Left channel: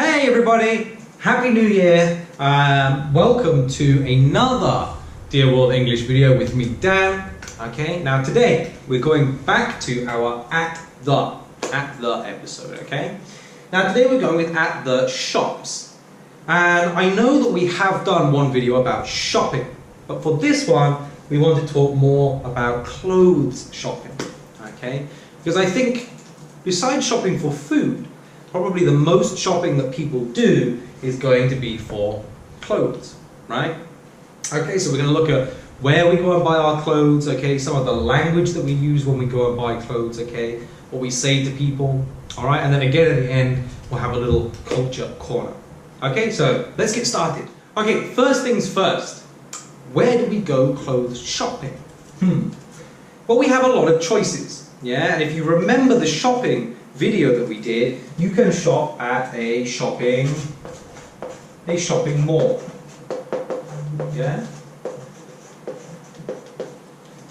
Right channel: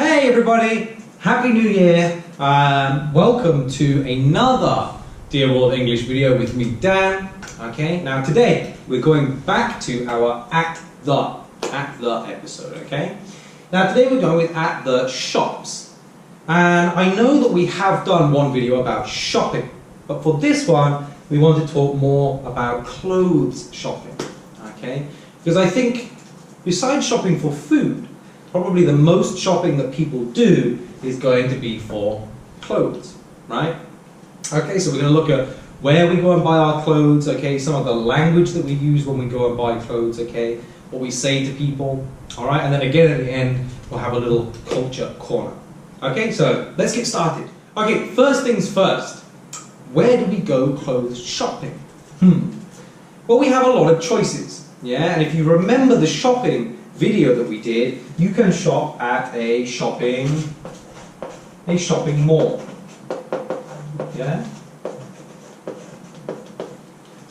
Hey everybody, Happy New Year. Welcome to another Dear World English video with me, Dan. Okay, now today we're going back to our at the episode, okay? Now today we're going with at the shops. And I know that we have done one video about shopping, but for this one we want to talk more about clothes shopping, okay? Because I think besides shopping for food, probably the most shopping that people do is going to be for clothes, right? Okay, so we're going to look at where we go and buy our clothes, okay, some of the language that we use when we go and buy clothes, okay, what we say to people, all right, and then again at the end we'll have a little culture corner. Okay, so let's get started. Okay, first things first, where do we go clothes shopping? Well, we have a lot of choices, yeah, and if you remember the shopping video that we did, you can shop at a shopping mall. Yeah?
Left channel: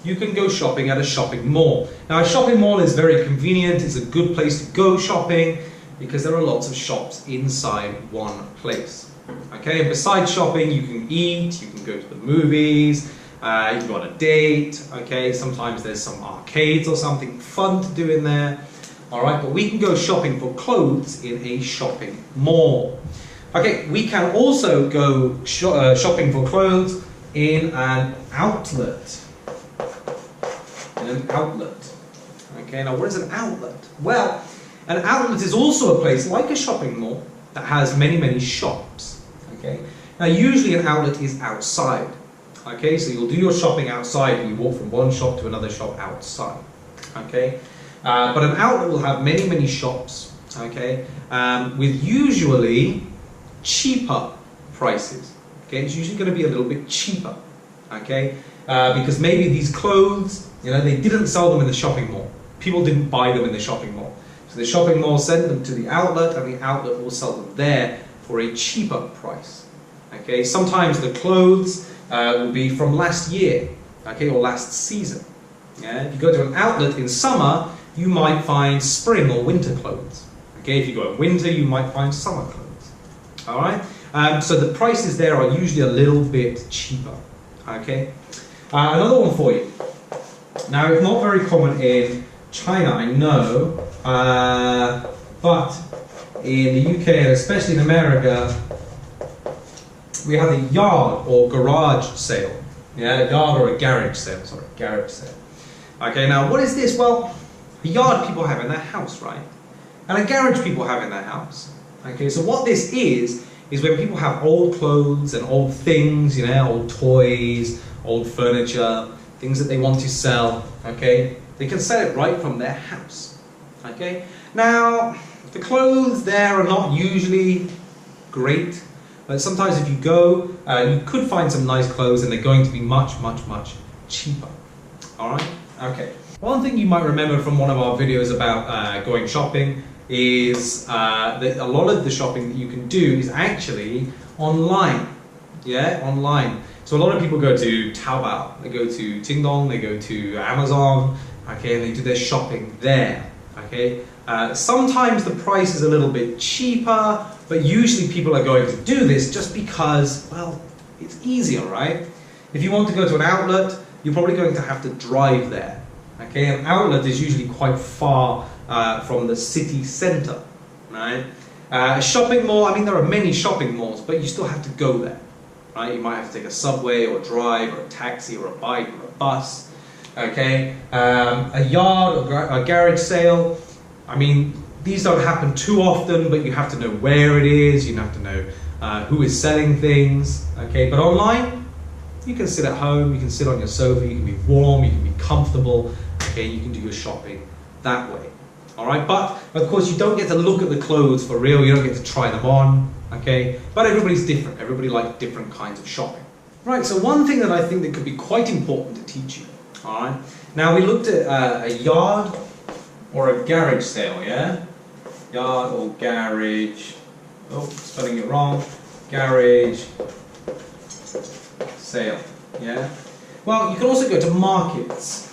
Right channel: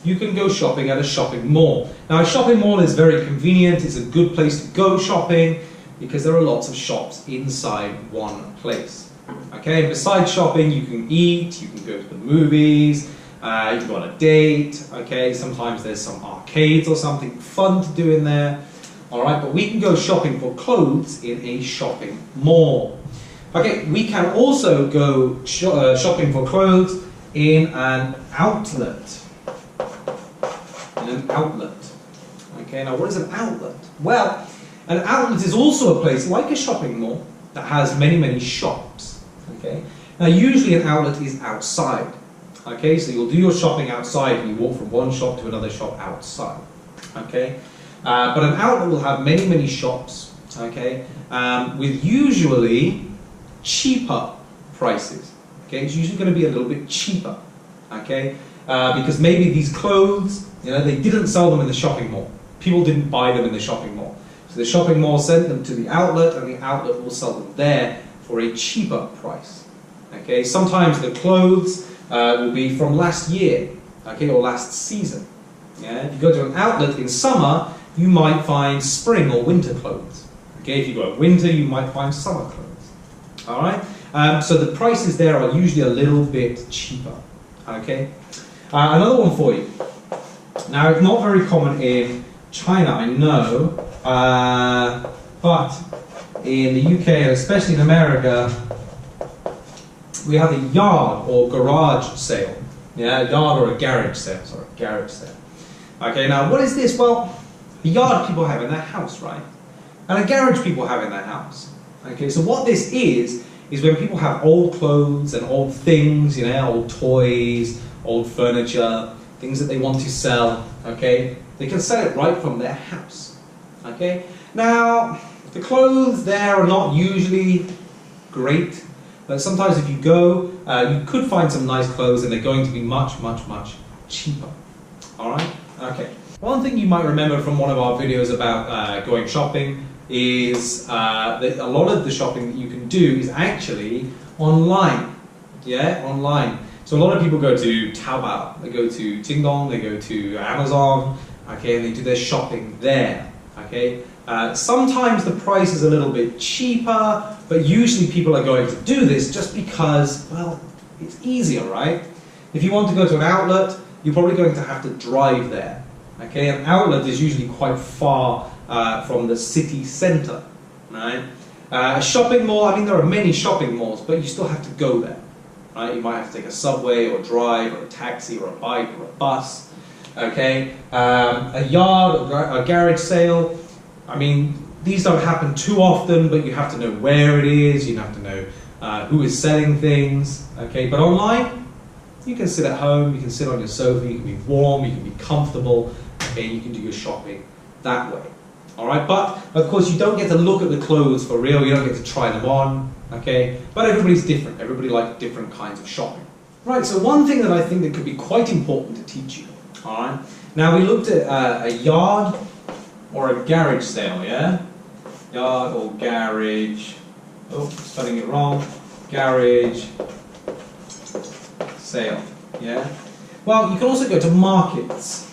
You can go shopping at a shopping mall. Now a shopping mall is very convenient, it's a good place to go shopping because there are lots of shops inside one place. Okay, and besides shopping you can eat, you can go to the movies, you can go on a date, okay, sometimes there's some arcades or something fun to do in there. Alright, but we can go shopping for clothes in a shopping mall. Okay, we can also go shopping for clothes in an outlet. Okay, now what is an outlet? Well, an outlet is also a place like a shopping mall that has many shops. Okay, now usually an outlet is outside. Okay, so you'll do your shopping outside and you walk from one shop to another shop outside. Okay. But an outlet will have many shops, okay, with usually cheaper prices. Okay, it's usually going to be a little bit cheaper, okay, because maybe these clothes, you know, they didn't sell them in the shopping mall. People didn't buy them in the shopping mall. So the shopping mall sent them to the outlet, and the outlet will sell them there for a cheaper price. Okay, sometimes the clothes will be from last year, okay, or last season. Yeah, if you go to an outlet in summer, you might find spring or winter clothes. Okay, if you go in winter, you might find summer clothes. All right, so the prices there are usually a little bit cheaper. Okay, another one for you. Now, it's not very common in China, I know, but in the UK and especially in America, we have a yard or garage sale. Yeah, a yard or a garage sale. Sorry, garage sale. Okay, now what is this? Well, a yard people have in their house, right? And a garage people have in their house. Okay, so what this is when people have old clothes and old things, you know, old toys, old furniture, things that they want to sell, okay? They can sell it right from their house, okay? Now, the clothes there are not usually great, but sometimes if you go, you could find some nice clothes and they're going to be much cheaper, all right? Okay. One thing you might remember from one of our videos about going shopping is that a lot of the shopping that you can do is actually online. Yeah, online. So a lot of people go to Taobao, they go to Jingdong, they go to Amazon, okay, and they do their shopping there. Okay. Sometimes the price is a little bit cheaper, but usually people are going to do this just because, well, it's easier, right? If you want to go to an outlet, you're probably going to have to drive there. Okay, an outlet is usually quite far from the city centre, right? A shopping mall, I mean there are many shopping malls, but you still have to go there, right? You might have to take a subway or drive or a taxi or a bike or a bus, okay? A yard or a garage sale, I mean these don't happen too often, but you have to know where it is, you have to know who is selling things, okay? But online, you can sit at home, you can sit on your sofa, you can be warm, you can be comfortable, okay, and you can do your shopping that way. Alright, but of course you don't get to look at the clothes for real, you don't get to try them on, okay? But everybody's different, everybody likes different kinds of shopping. Right, so one thing that I think that could be quite important to teach you, alright? Now we looked at a yard or a garage sale, yeah? Yard or garage, oh, spelling it wrong, garage sale, yeah? Well, you can also go to markets,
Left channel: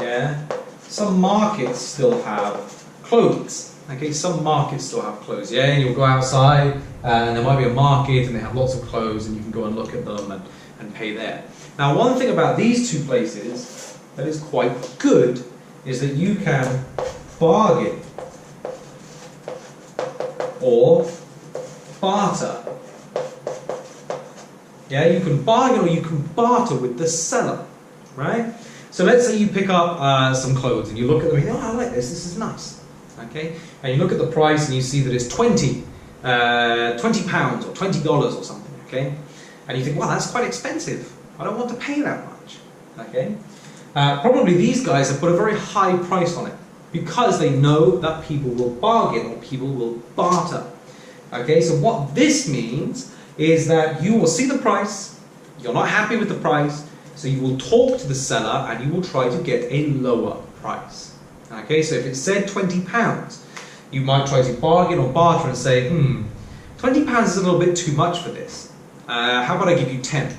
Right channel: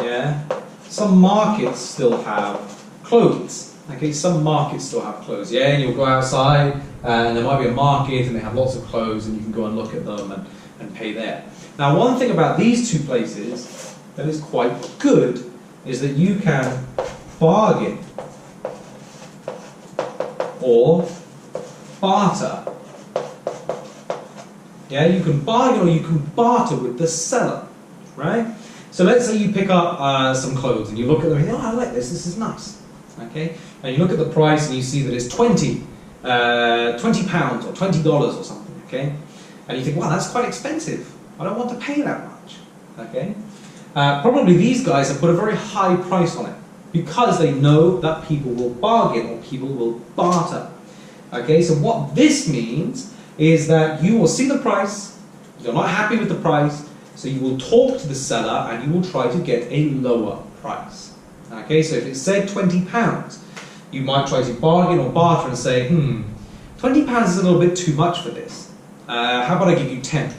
yeah? Some markets still have clothes, Okay, some markets still have clothes, yeah, and you'll go outside and there might be a market and they have lots of clothes and you can go and look at them and pay there. Now, one thing about these two places that is quite good is that you can bargain or barter. Yeah, you can bargain or you can barter with the seller, right? So let's say you pick up some clothes and you look at them and you think, oh, I like this is nice, okay? And you look at the price and you see that it's £20 or $20 or something, okay? And you think, well, that's quite expensive. I don't want to pay that much, okay? Probably these guys have put a very high price on it because they know that people will bargain or people will barter, okay? So what this means is that you will see the price, you're not happy with the price, so you will talk to the seller and you will try to get a lower price. Okay, so if it said £20, you might try to bargain or barter and say, £20 is a little bit too much for this. How about I give you 10?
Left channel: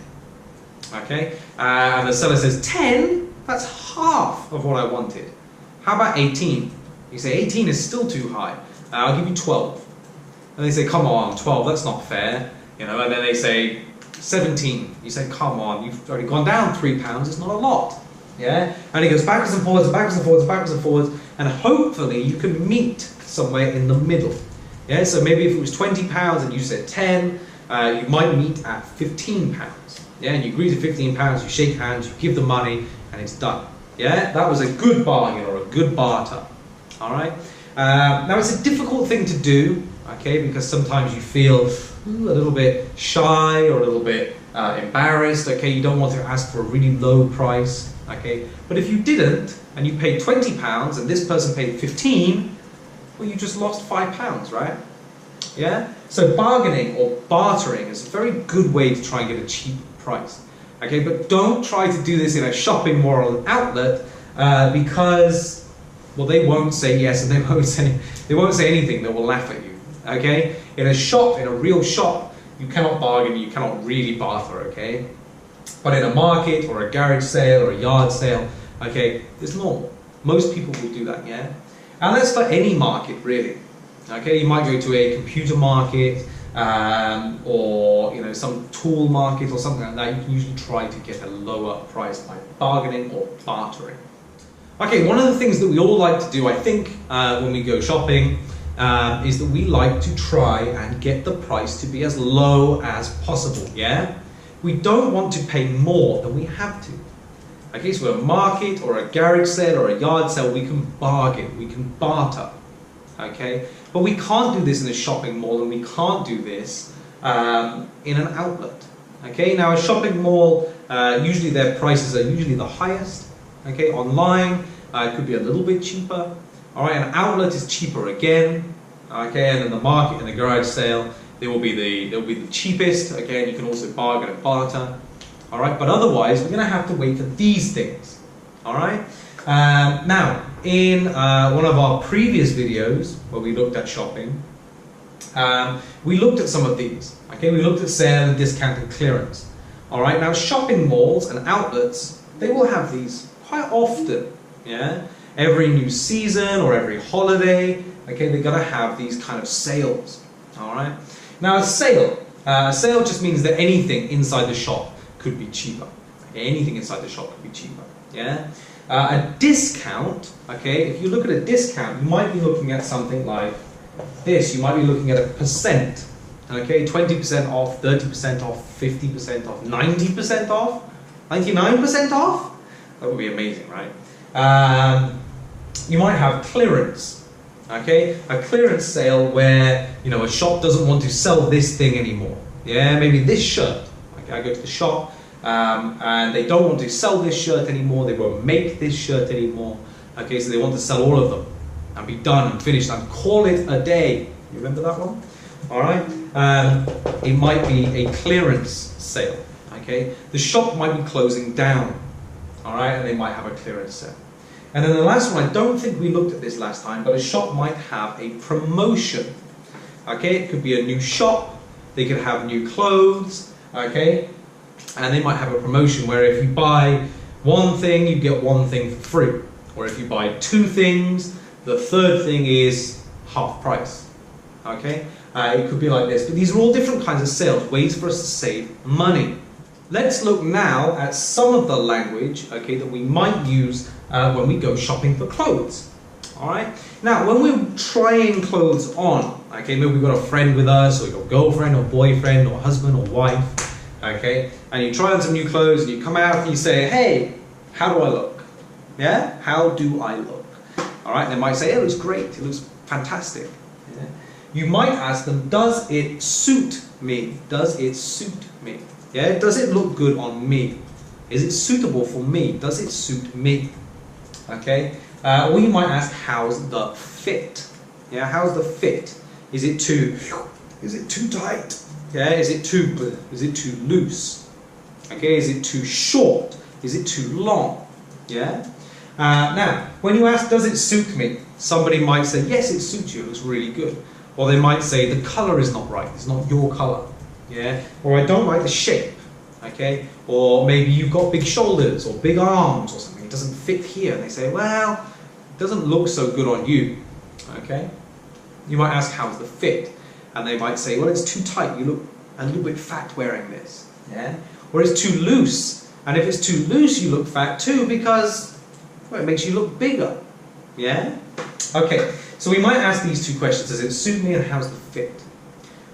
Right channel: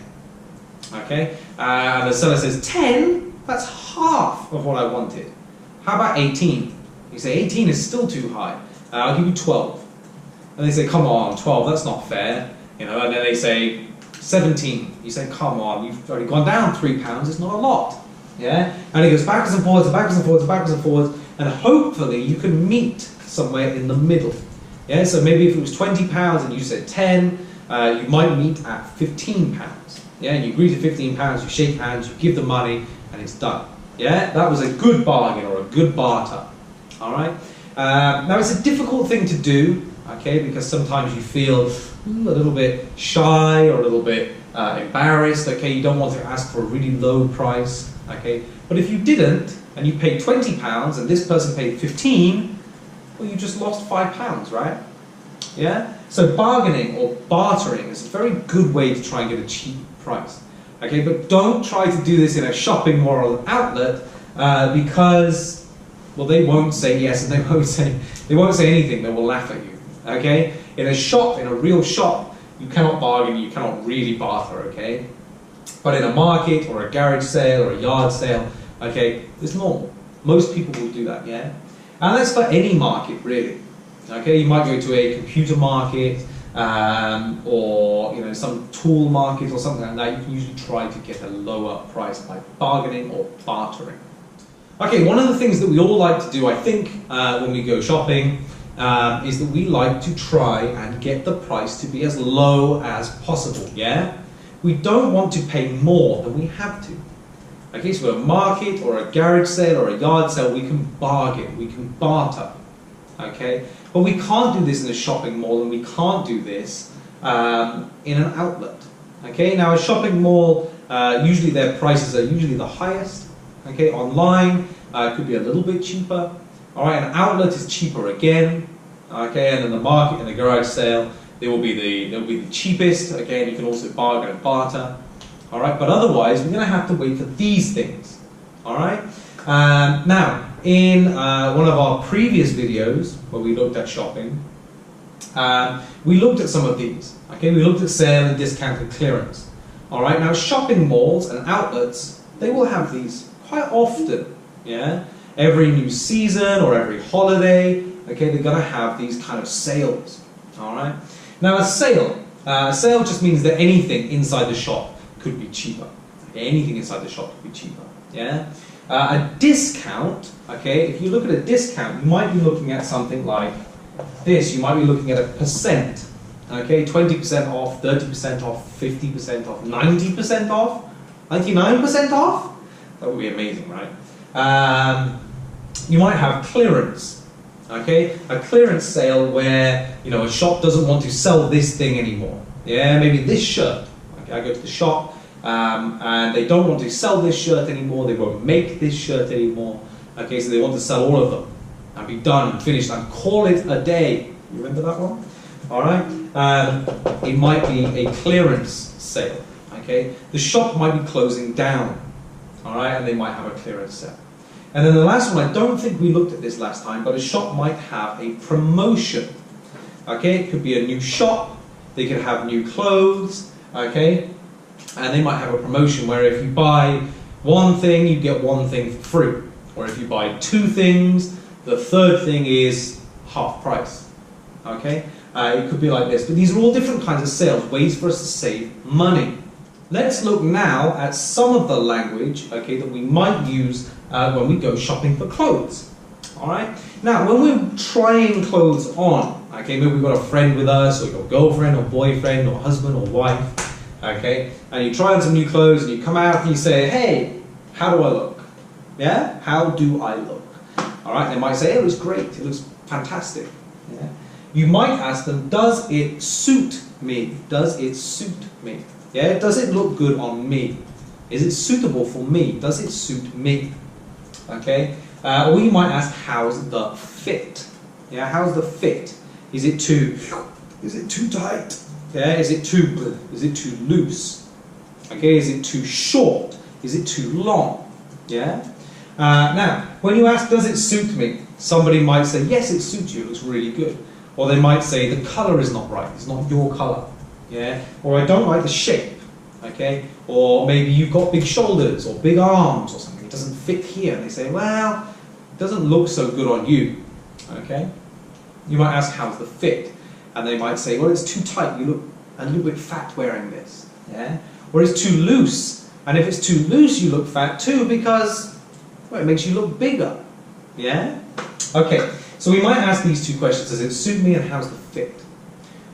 Okay, and the seller says, 10? That's half of what I wanted. How about 18? You say, 18 is still too high. I'll give you 12. And they say, come on, 12, that's not fair. You know, and then they say 17. You say, come on, you've already gone down £3. It's not a lot. Yeah, and he goes backwards and forwards, and backwards and forwards, and backwards and forwards, and hopefully you can meet somewhere in the middle. Yeah, so maybe if it was £20 and you said 10, you might meet at £15. Yeah, and you agree to £15. You shake hands, you give the money, and it's done. Yeah, that was a good bargain or a good barter. All right. Now it's a difficult thing to do. Okay, because sometimes you feel a little bit shy or a little bit embarrassed. Okay, you don't want to ask for a really low price. Okay, but if you didn't and you paid £20 and this person paid 15, well, you just lost £5, right? Yeah. So bargaining or bartering is a very good way to try and get a cheap price. Okay, but don't try to do this in a shopping mall or an outlet because, well, they won't say yes and they won't say anything. They will laugh at you. Okay, in a shop, in a real shop, you cannot bargain, you cannot really barter, okay? But in a market or a garage sale or a yard sale, okay, it's normal. Most people will do that, yeah? And that's for any market, really. Okay, you might go to a computer market or, you know, some tool market or something like that. You can usually try to get a lower price by bargaining or bartering. Okay, one of the things that we all like to do, I think, when we go shopping, is that we like to try and get the price to be as low as possible, yeah? We don't want to pay more than we have to. Okay, so at a market or a garage sale or a yard sale, we can bargain, we can barter, okay? But we can't do this in a shopping mall and we can't do this in an outlet, okay? Now a shopping mall, usually their prices are usually the highest, okay? Online, it could be a little bit cheaper. All right, an outlet is cheaper again, okay, and then the market and the garage sale, they'll be the cheapest. Again, you can also bargain and barter. All right, but otherwise, we're going to have to wait for these things. All right. Now, in one of our previous videos where we looked at shopping, we looked at some of these. Okay, we looked at sale and discount and clearance. All right. Now, shopping malls and outlets, they will have these quite often. Yeah. Every new season or every holiday, okay, they're going to have these kind of sales, all right? Now, a sale just means that anything inside the shop could be cheaper. Okay? Anything inside the shop could be cheaper, yeah? A discount, okay, if you look at a discount, you might be looking at something like this. You might be looking at a percent, okay, 20% off, 30% off, 50% off, 90% off, 99% off? That would be amazing, right? You might have clearance, okay? A clearance sale where, you know, a shop doesn't want to sell this thing anymore. Yeah, maybe this shirt. Okay, I go to the shop and they don't want to sell this shirt anymore. They won't make this shirt anymore. Okay, so they want to sell all of them and be done and finished and call it a day. You remember that one? All right. It might be a clearance sale. Okay, the shop might be closing down. All right, and they might have a clearance sale. And then the last one, I don't think we looked at this last time, but a shop might have a promotion. Okay, it could be a new shop, they could have new clothes, okay, and they might have a promotion where if you buy one thing, you get one thing for free. Or if you buy two things, the third thing is half price. Okay, it could be like this, but these are all different kinds of sales, ways for us to save money. Let's look now at some of the language, okay, that we might use when we go shopping for clothes. All right. Now, when we're trying clothes on, okay, maybe we've got a friend with us, or your girlfriend, or boyfriend, or husband, or wife, okay, and you try on some new clothes, and you come out and you say, "Hey, how do I look? Yeah, how do I look?" All right. They might say, "It looks great. It looks fantastic." Yeah. You might ask them, "Does it suit me? Does it suit me? Yeah. Does it look good on me? Is it suitable for me? Does it suit me?" Okay. Or you might ask, "How's the fit?" Yeah, how's the fit? Is it too tight? Yeah, is it too loose? Okay, is it too short? Is it too long? Yeah. Now, when you ask, "Does it suit me?" somebody might say, "Yes, it suits you. It looks really good." Or they might say, "The color is not right. It's not your color." Yeah. Or, "I don't like the shape." Okay. Or maybe you've got big shoulders or big arms or something. It doesn't fit here. And they say, "Well, it doesn't look so good on you." Okay. You might ask, "How's the fit?" And they might say, "Well, it's too tight. You look a little bit fat wearing this." Yeah. Or it's too loose. And if it's too loose, you look fat too because, well, it makes you look bigger. Yeah. Okay. So we might ask these two questions: does it suit me, and how's the fit?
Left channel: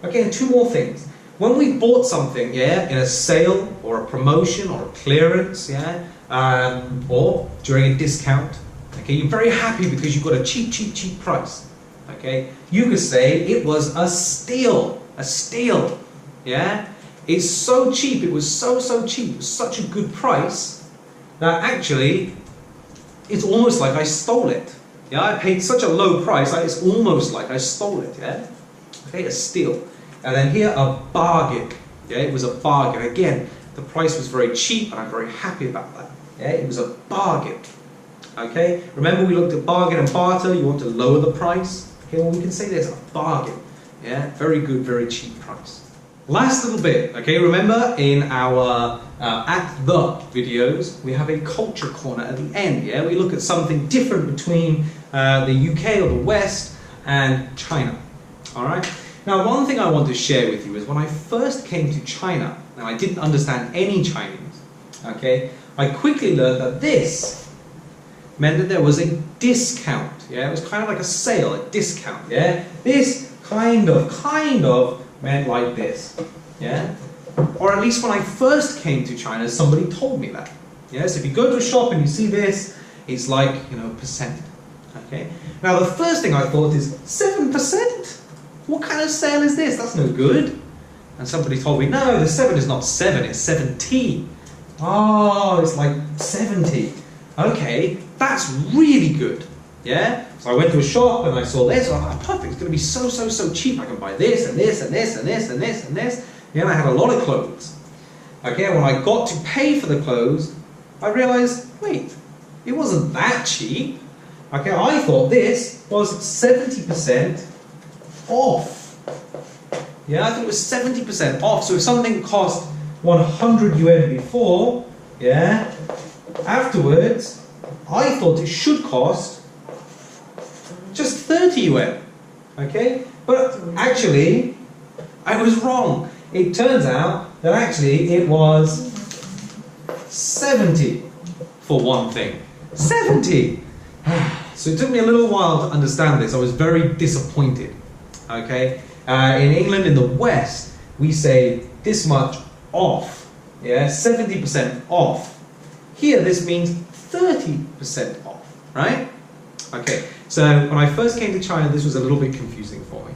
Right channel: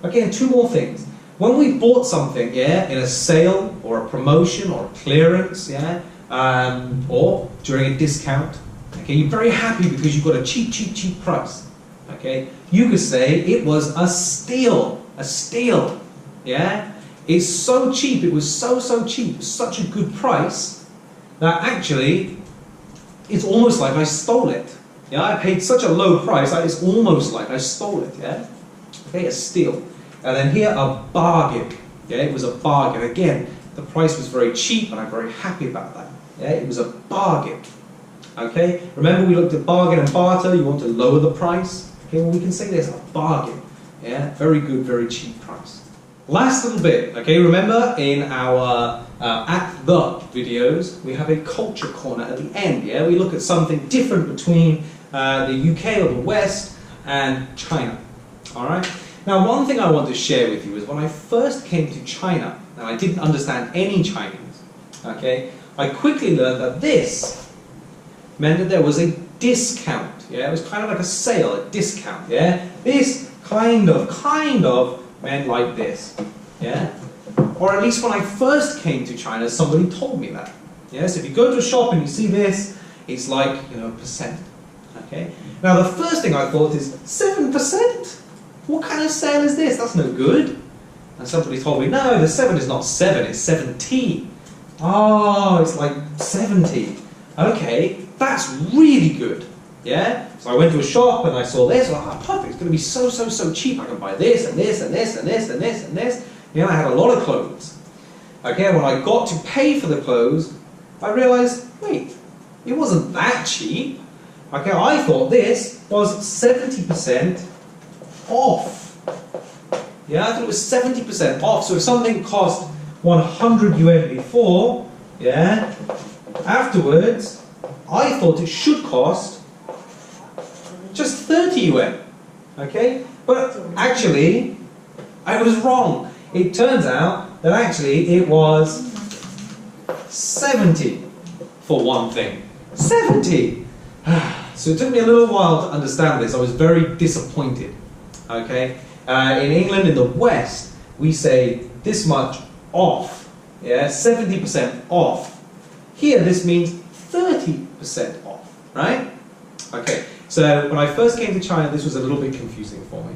Okay. And two more things. When we bought something, yeah, in a sale or a promotion or a clearance, yeah, or during a discount, okay, you're very happy because you got a cheap price. Okay, you could say it was a steal, yeah. It's so cheap. It was so cheap, such a good price that actually it's almost like I stole it. Yeah, I paid such a low price that it's almost like I stole it. Yeah, okay, a steal. And then here, a bargain. Yeah, it was a bargain. Again, the price was very cheap, and I'm very happy about that. Yeah, it was a bargain. Okay, remember we looked at bargain and barter. You want to lower the price. Okay, well we can say there's a bargain. Yeah, very good, very cheap price. Last little bit. Okay, remember in our At The videos, we have a culture corner at the end. Yeah, we look at something different between the UK or the West and China. All right. Now, one thing I want to share with you is when I first came to China, and I didn't understand any Chinese, okay, I quickly learned that this meant that there was a discount, yeah, it was kind of like a sale, a discount, yeah, this kind of meant like this, yeah, or at least when I first came to China, somebody told me that, yeah, so if you go to a shop and you see this, it's like, you know, percent, okay. Now, the first thing I thought is, 7%? What kind of sale is this? That's no good. And somebody told me, no, the 7 is not 7, it's 17. Oh, it's like 70. Okay, that's really good. Yeah? So I went to a shop and I saw this. Oh, perfect. It's going to be so cheap. I can buy this and this and this and this and this and this. Yeah, and I had a lot of clothes. Okay, when I got to pay for the clothes, I realized, wait, it wasn't that cheap. Okay, I thought this was 70% off. Yeah, I thought it was 70% off. So if something cost 100 yuan before, yeah, afterwards, I thought it should cost just 30 yuan. Okay? But actually, I was wrong. It turns out that actually it was 70 for one thing. 70! So it took me a little while to understand this. I was very disappointed. Okay? In England, in the West, we say this much off. Yeah, 70% off. Here, this means 30% off. Right? Okay. So when I first came to China, this was a little bit confusing for me.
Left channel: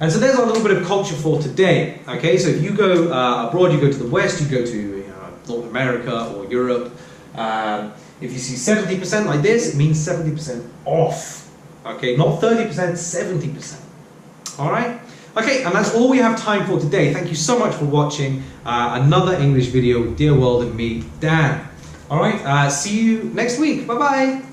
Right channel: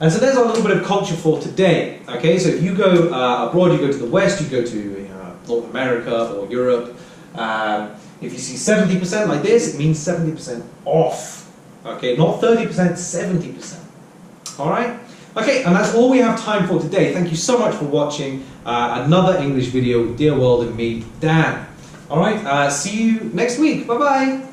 And so there's our little bit of culture for today. Okay? So if you go abroad, you go to the West, you go to North America or Europe. If you see 70% like this, it means 70% off. Okay? Not 30%, 70%. Alright? Okay, and that's all we have time for today. Thank you so much for watching another English video with Dear World and me, Dan. Alright, see you next week. Bye-bye.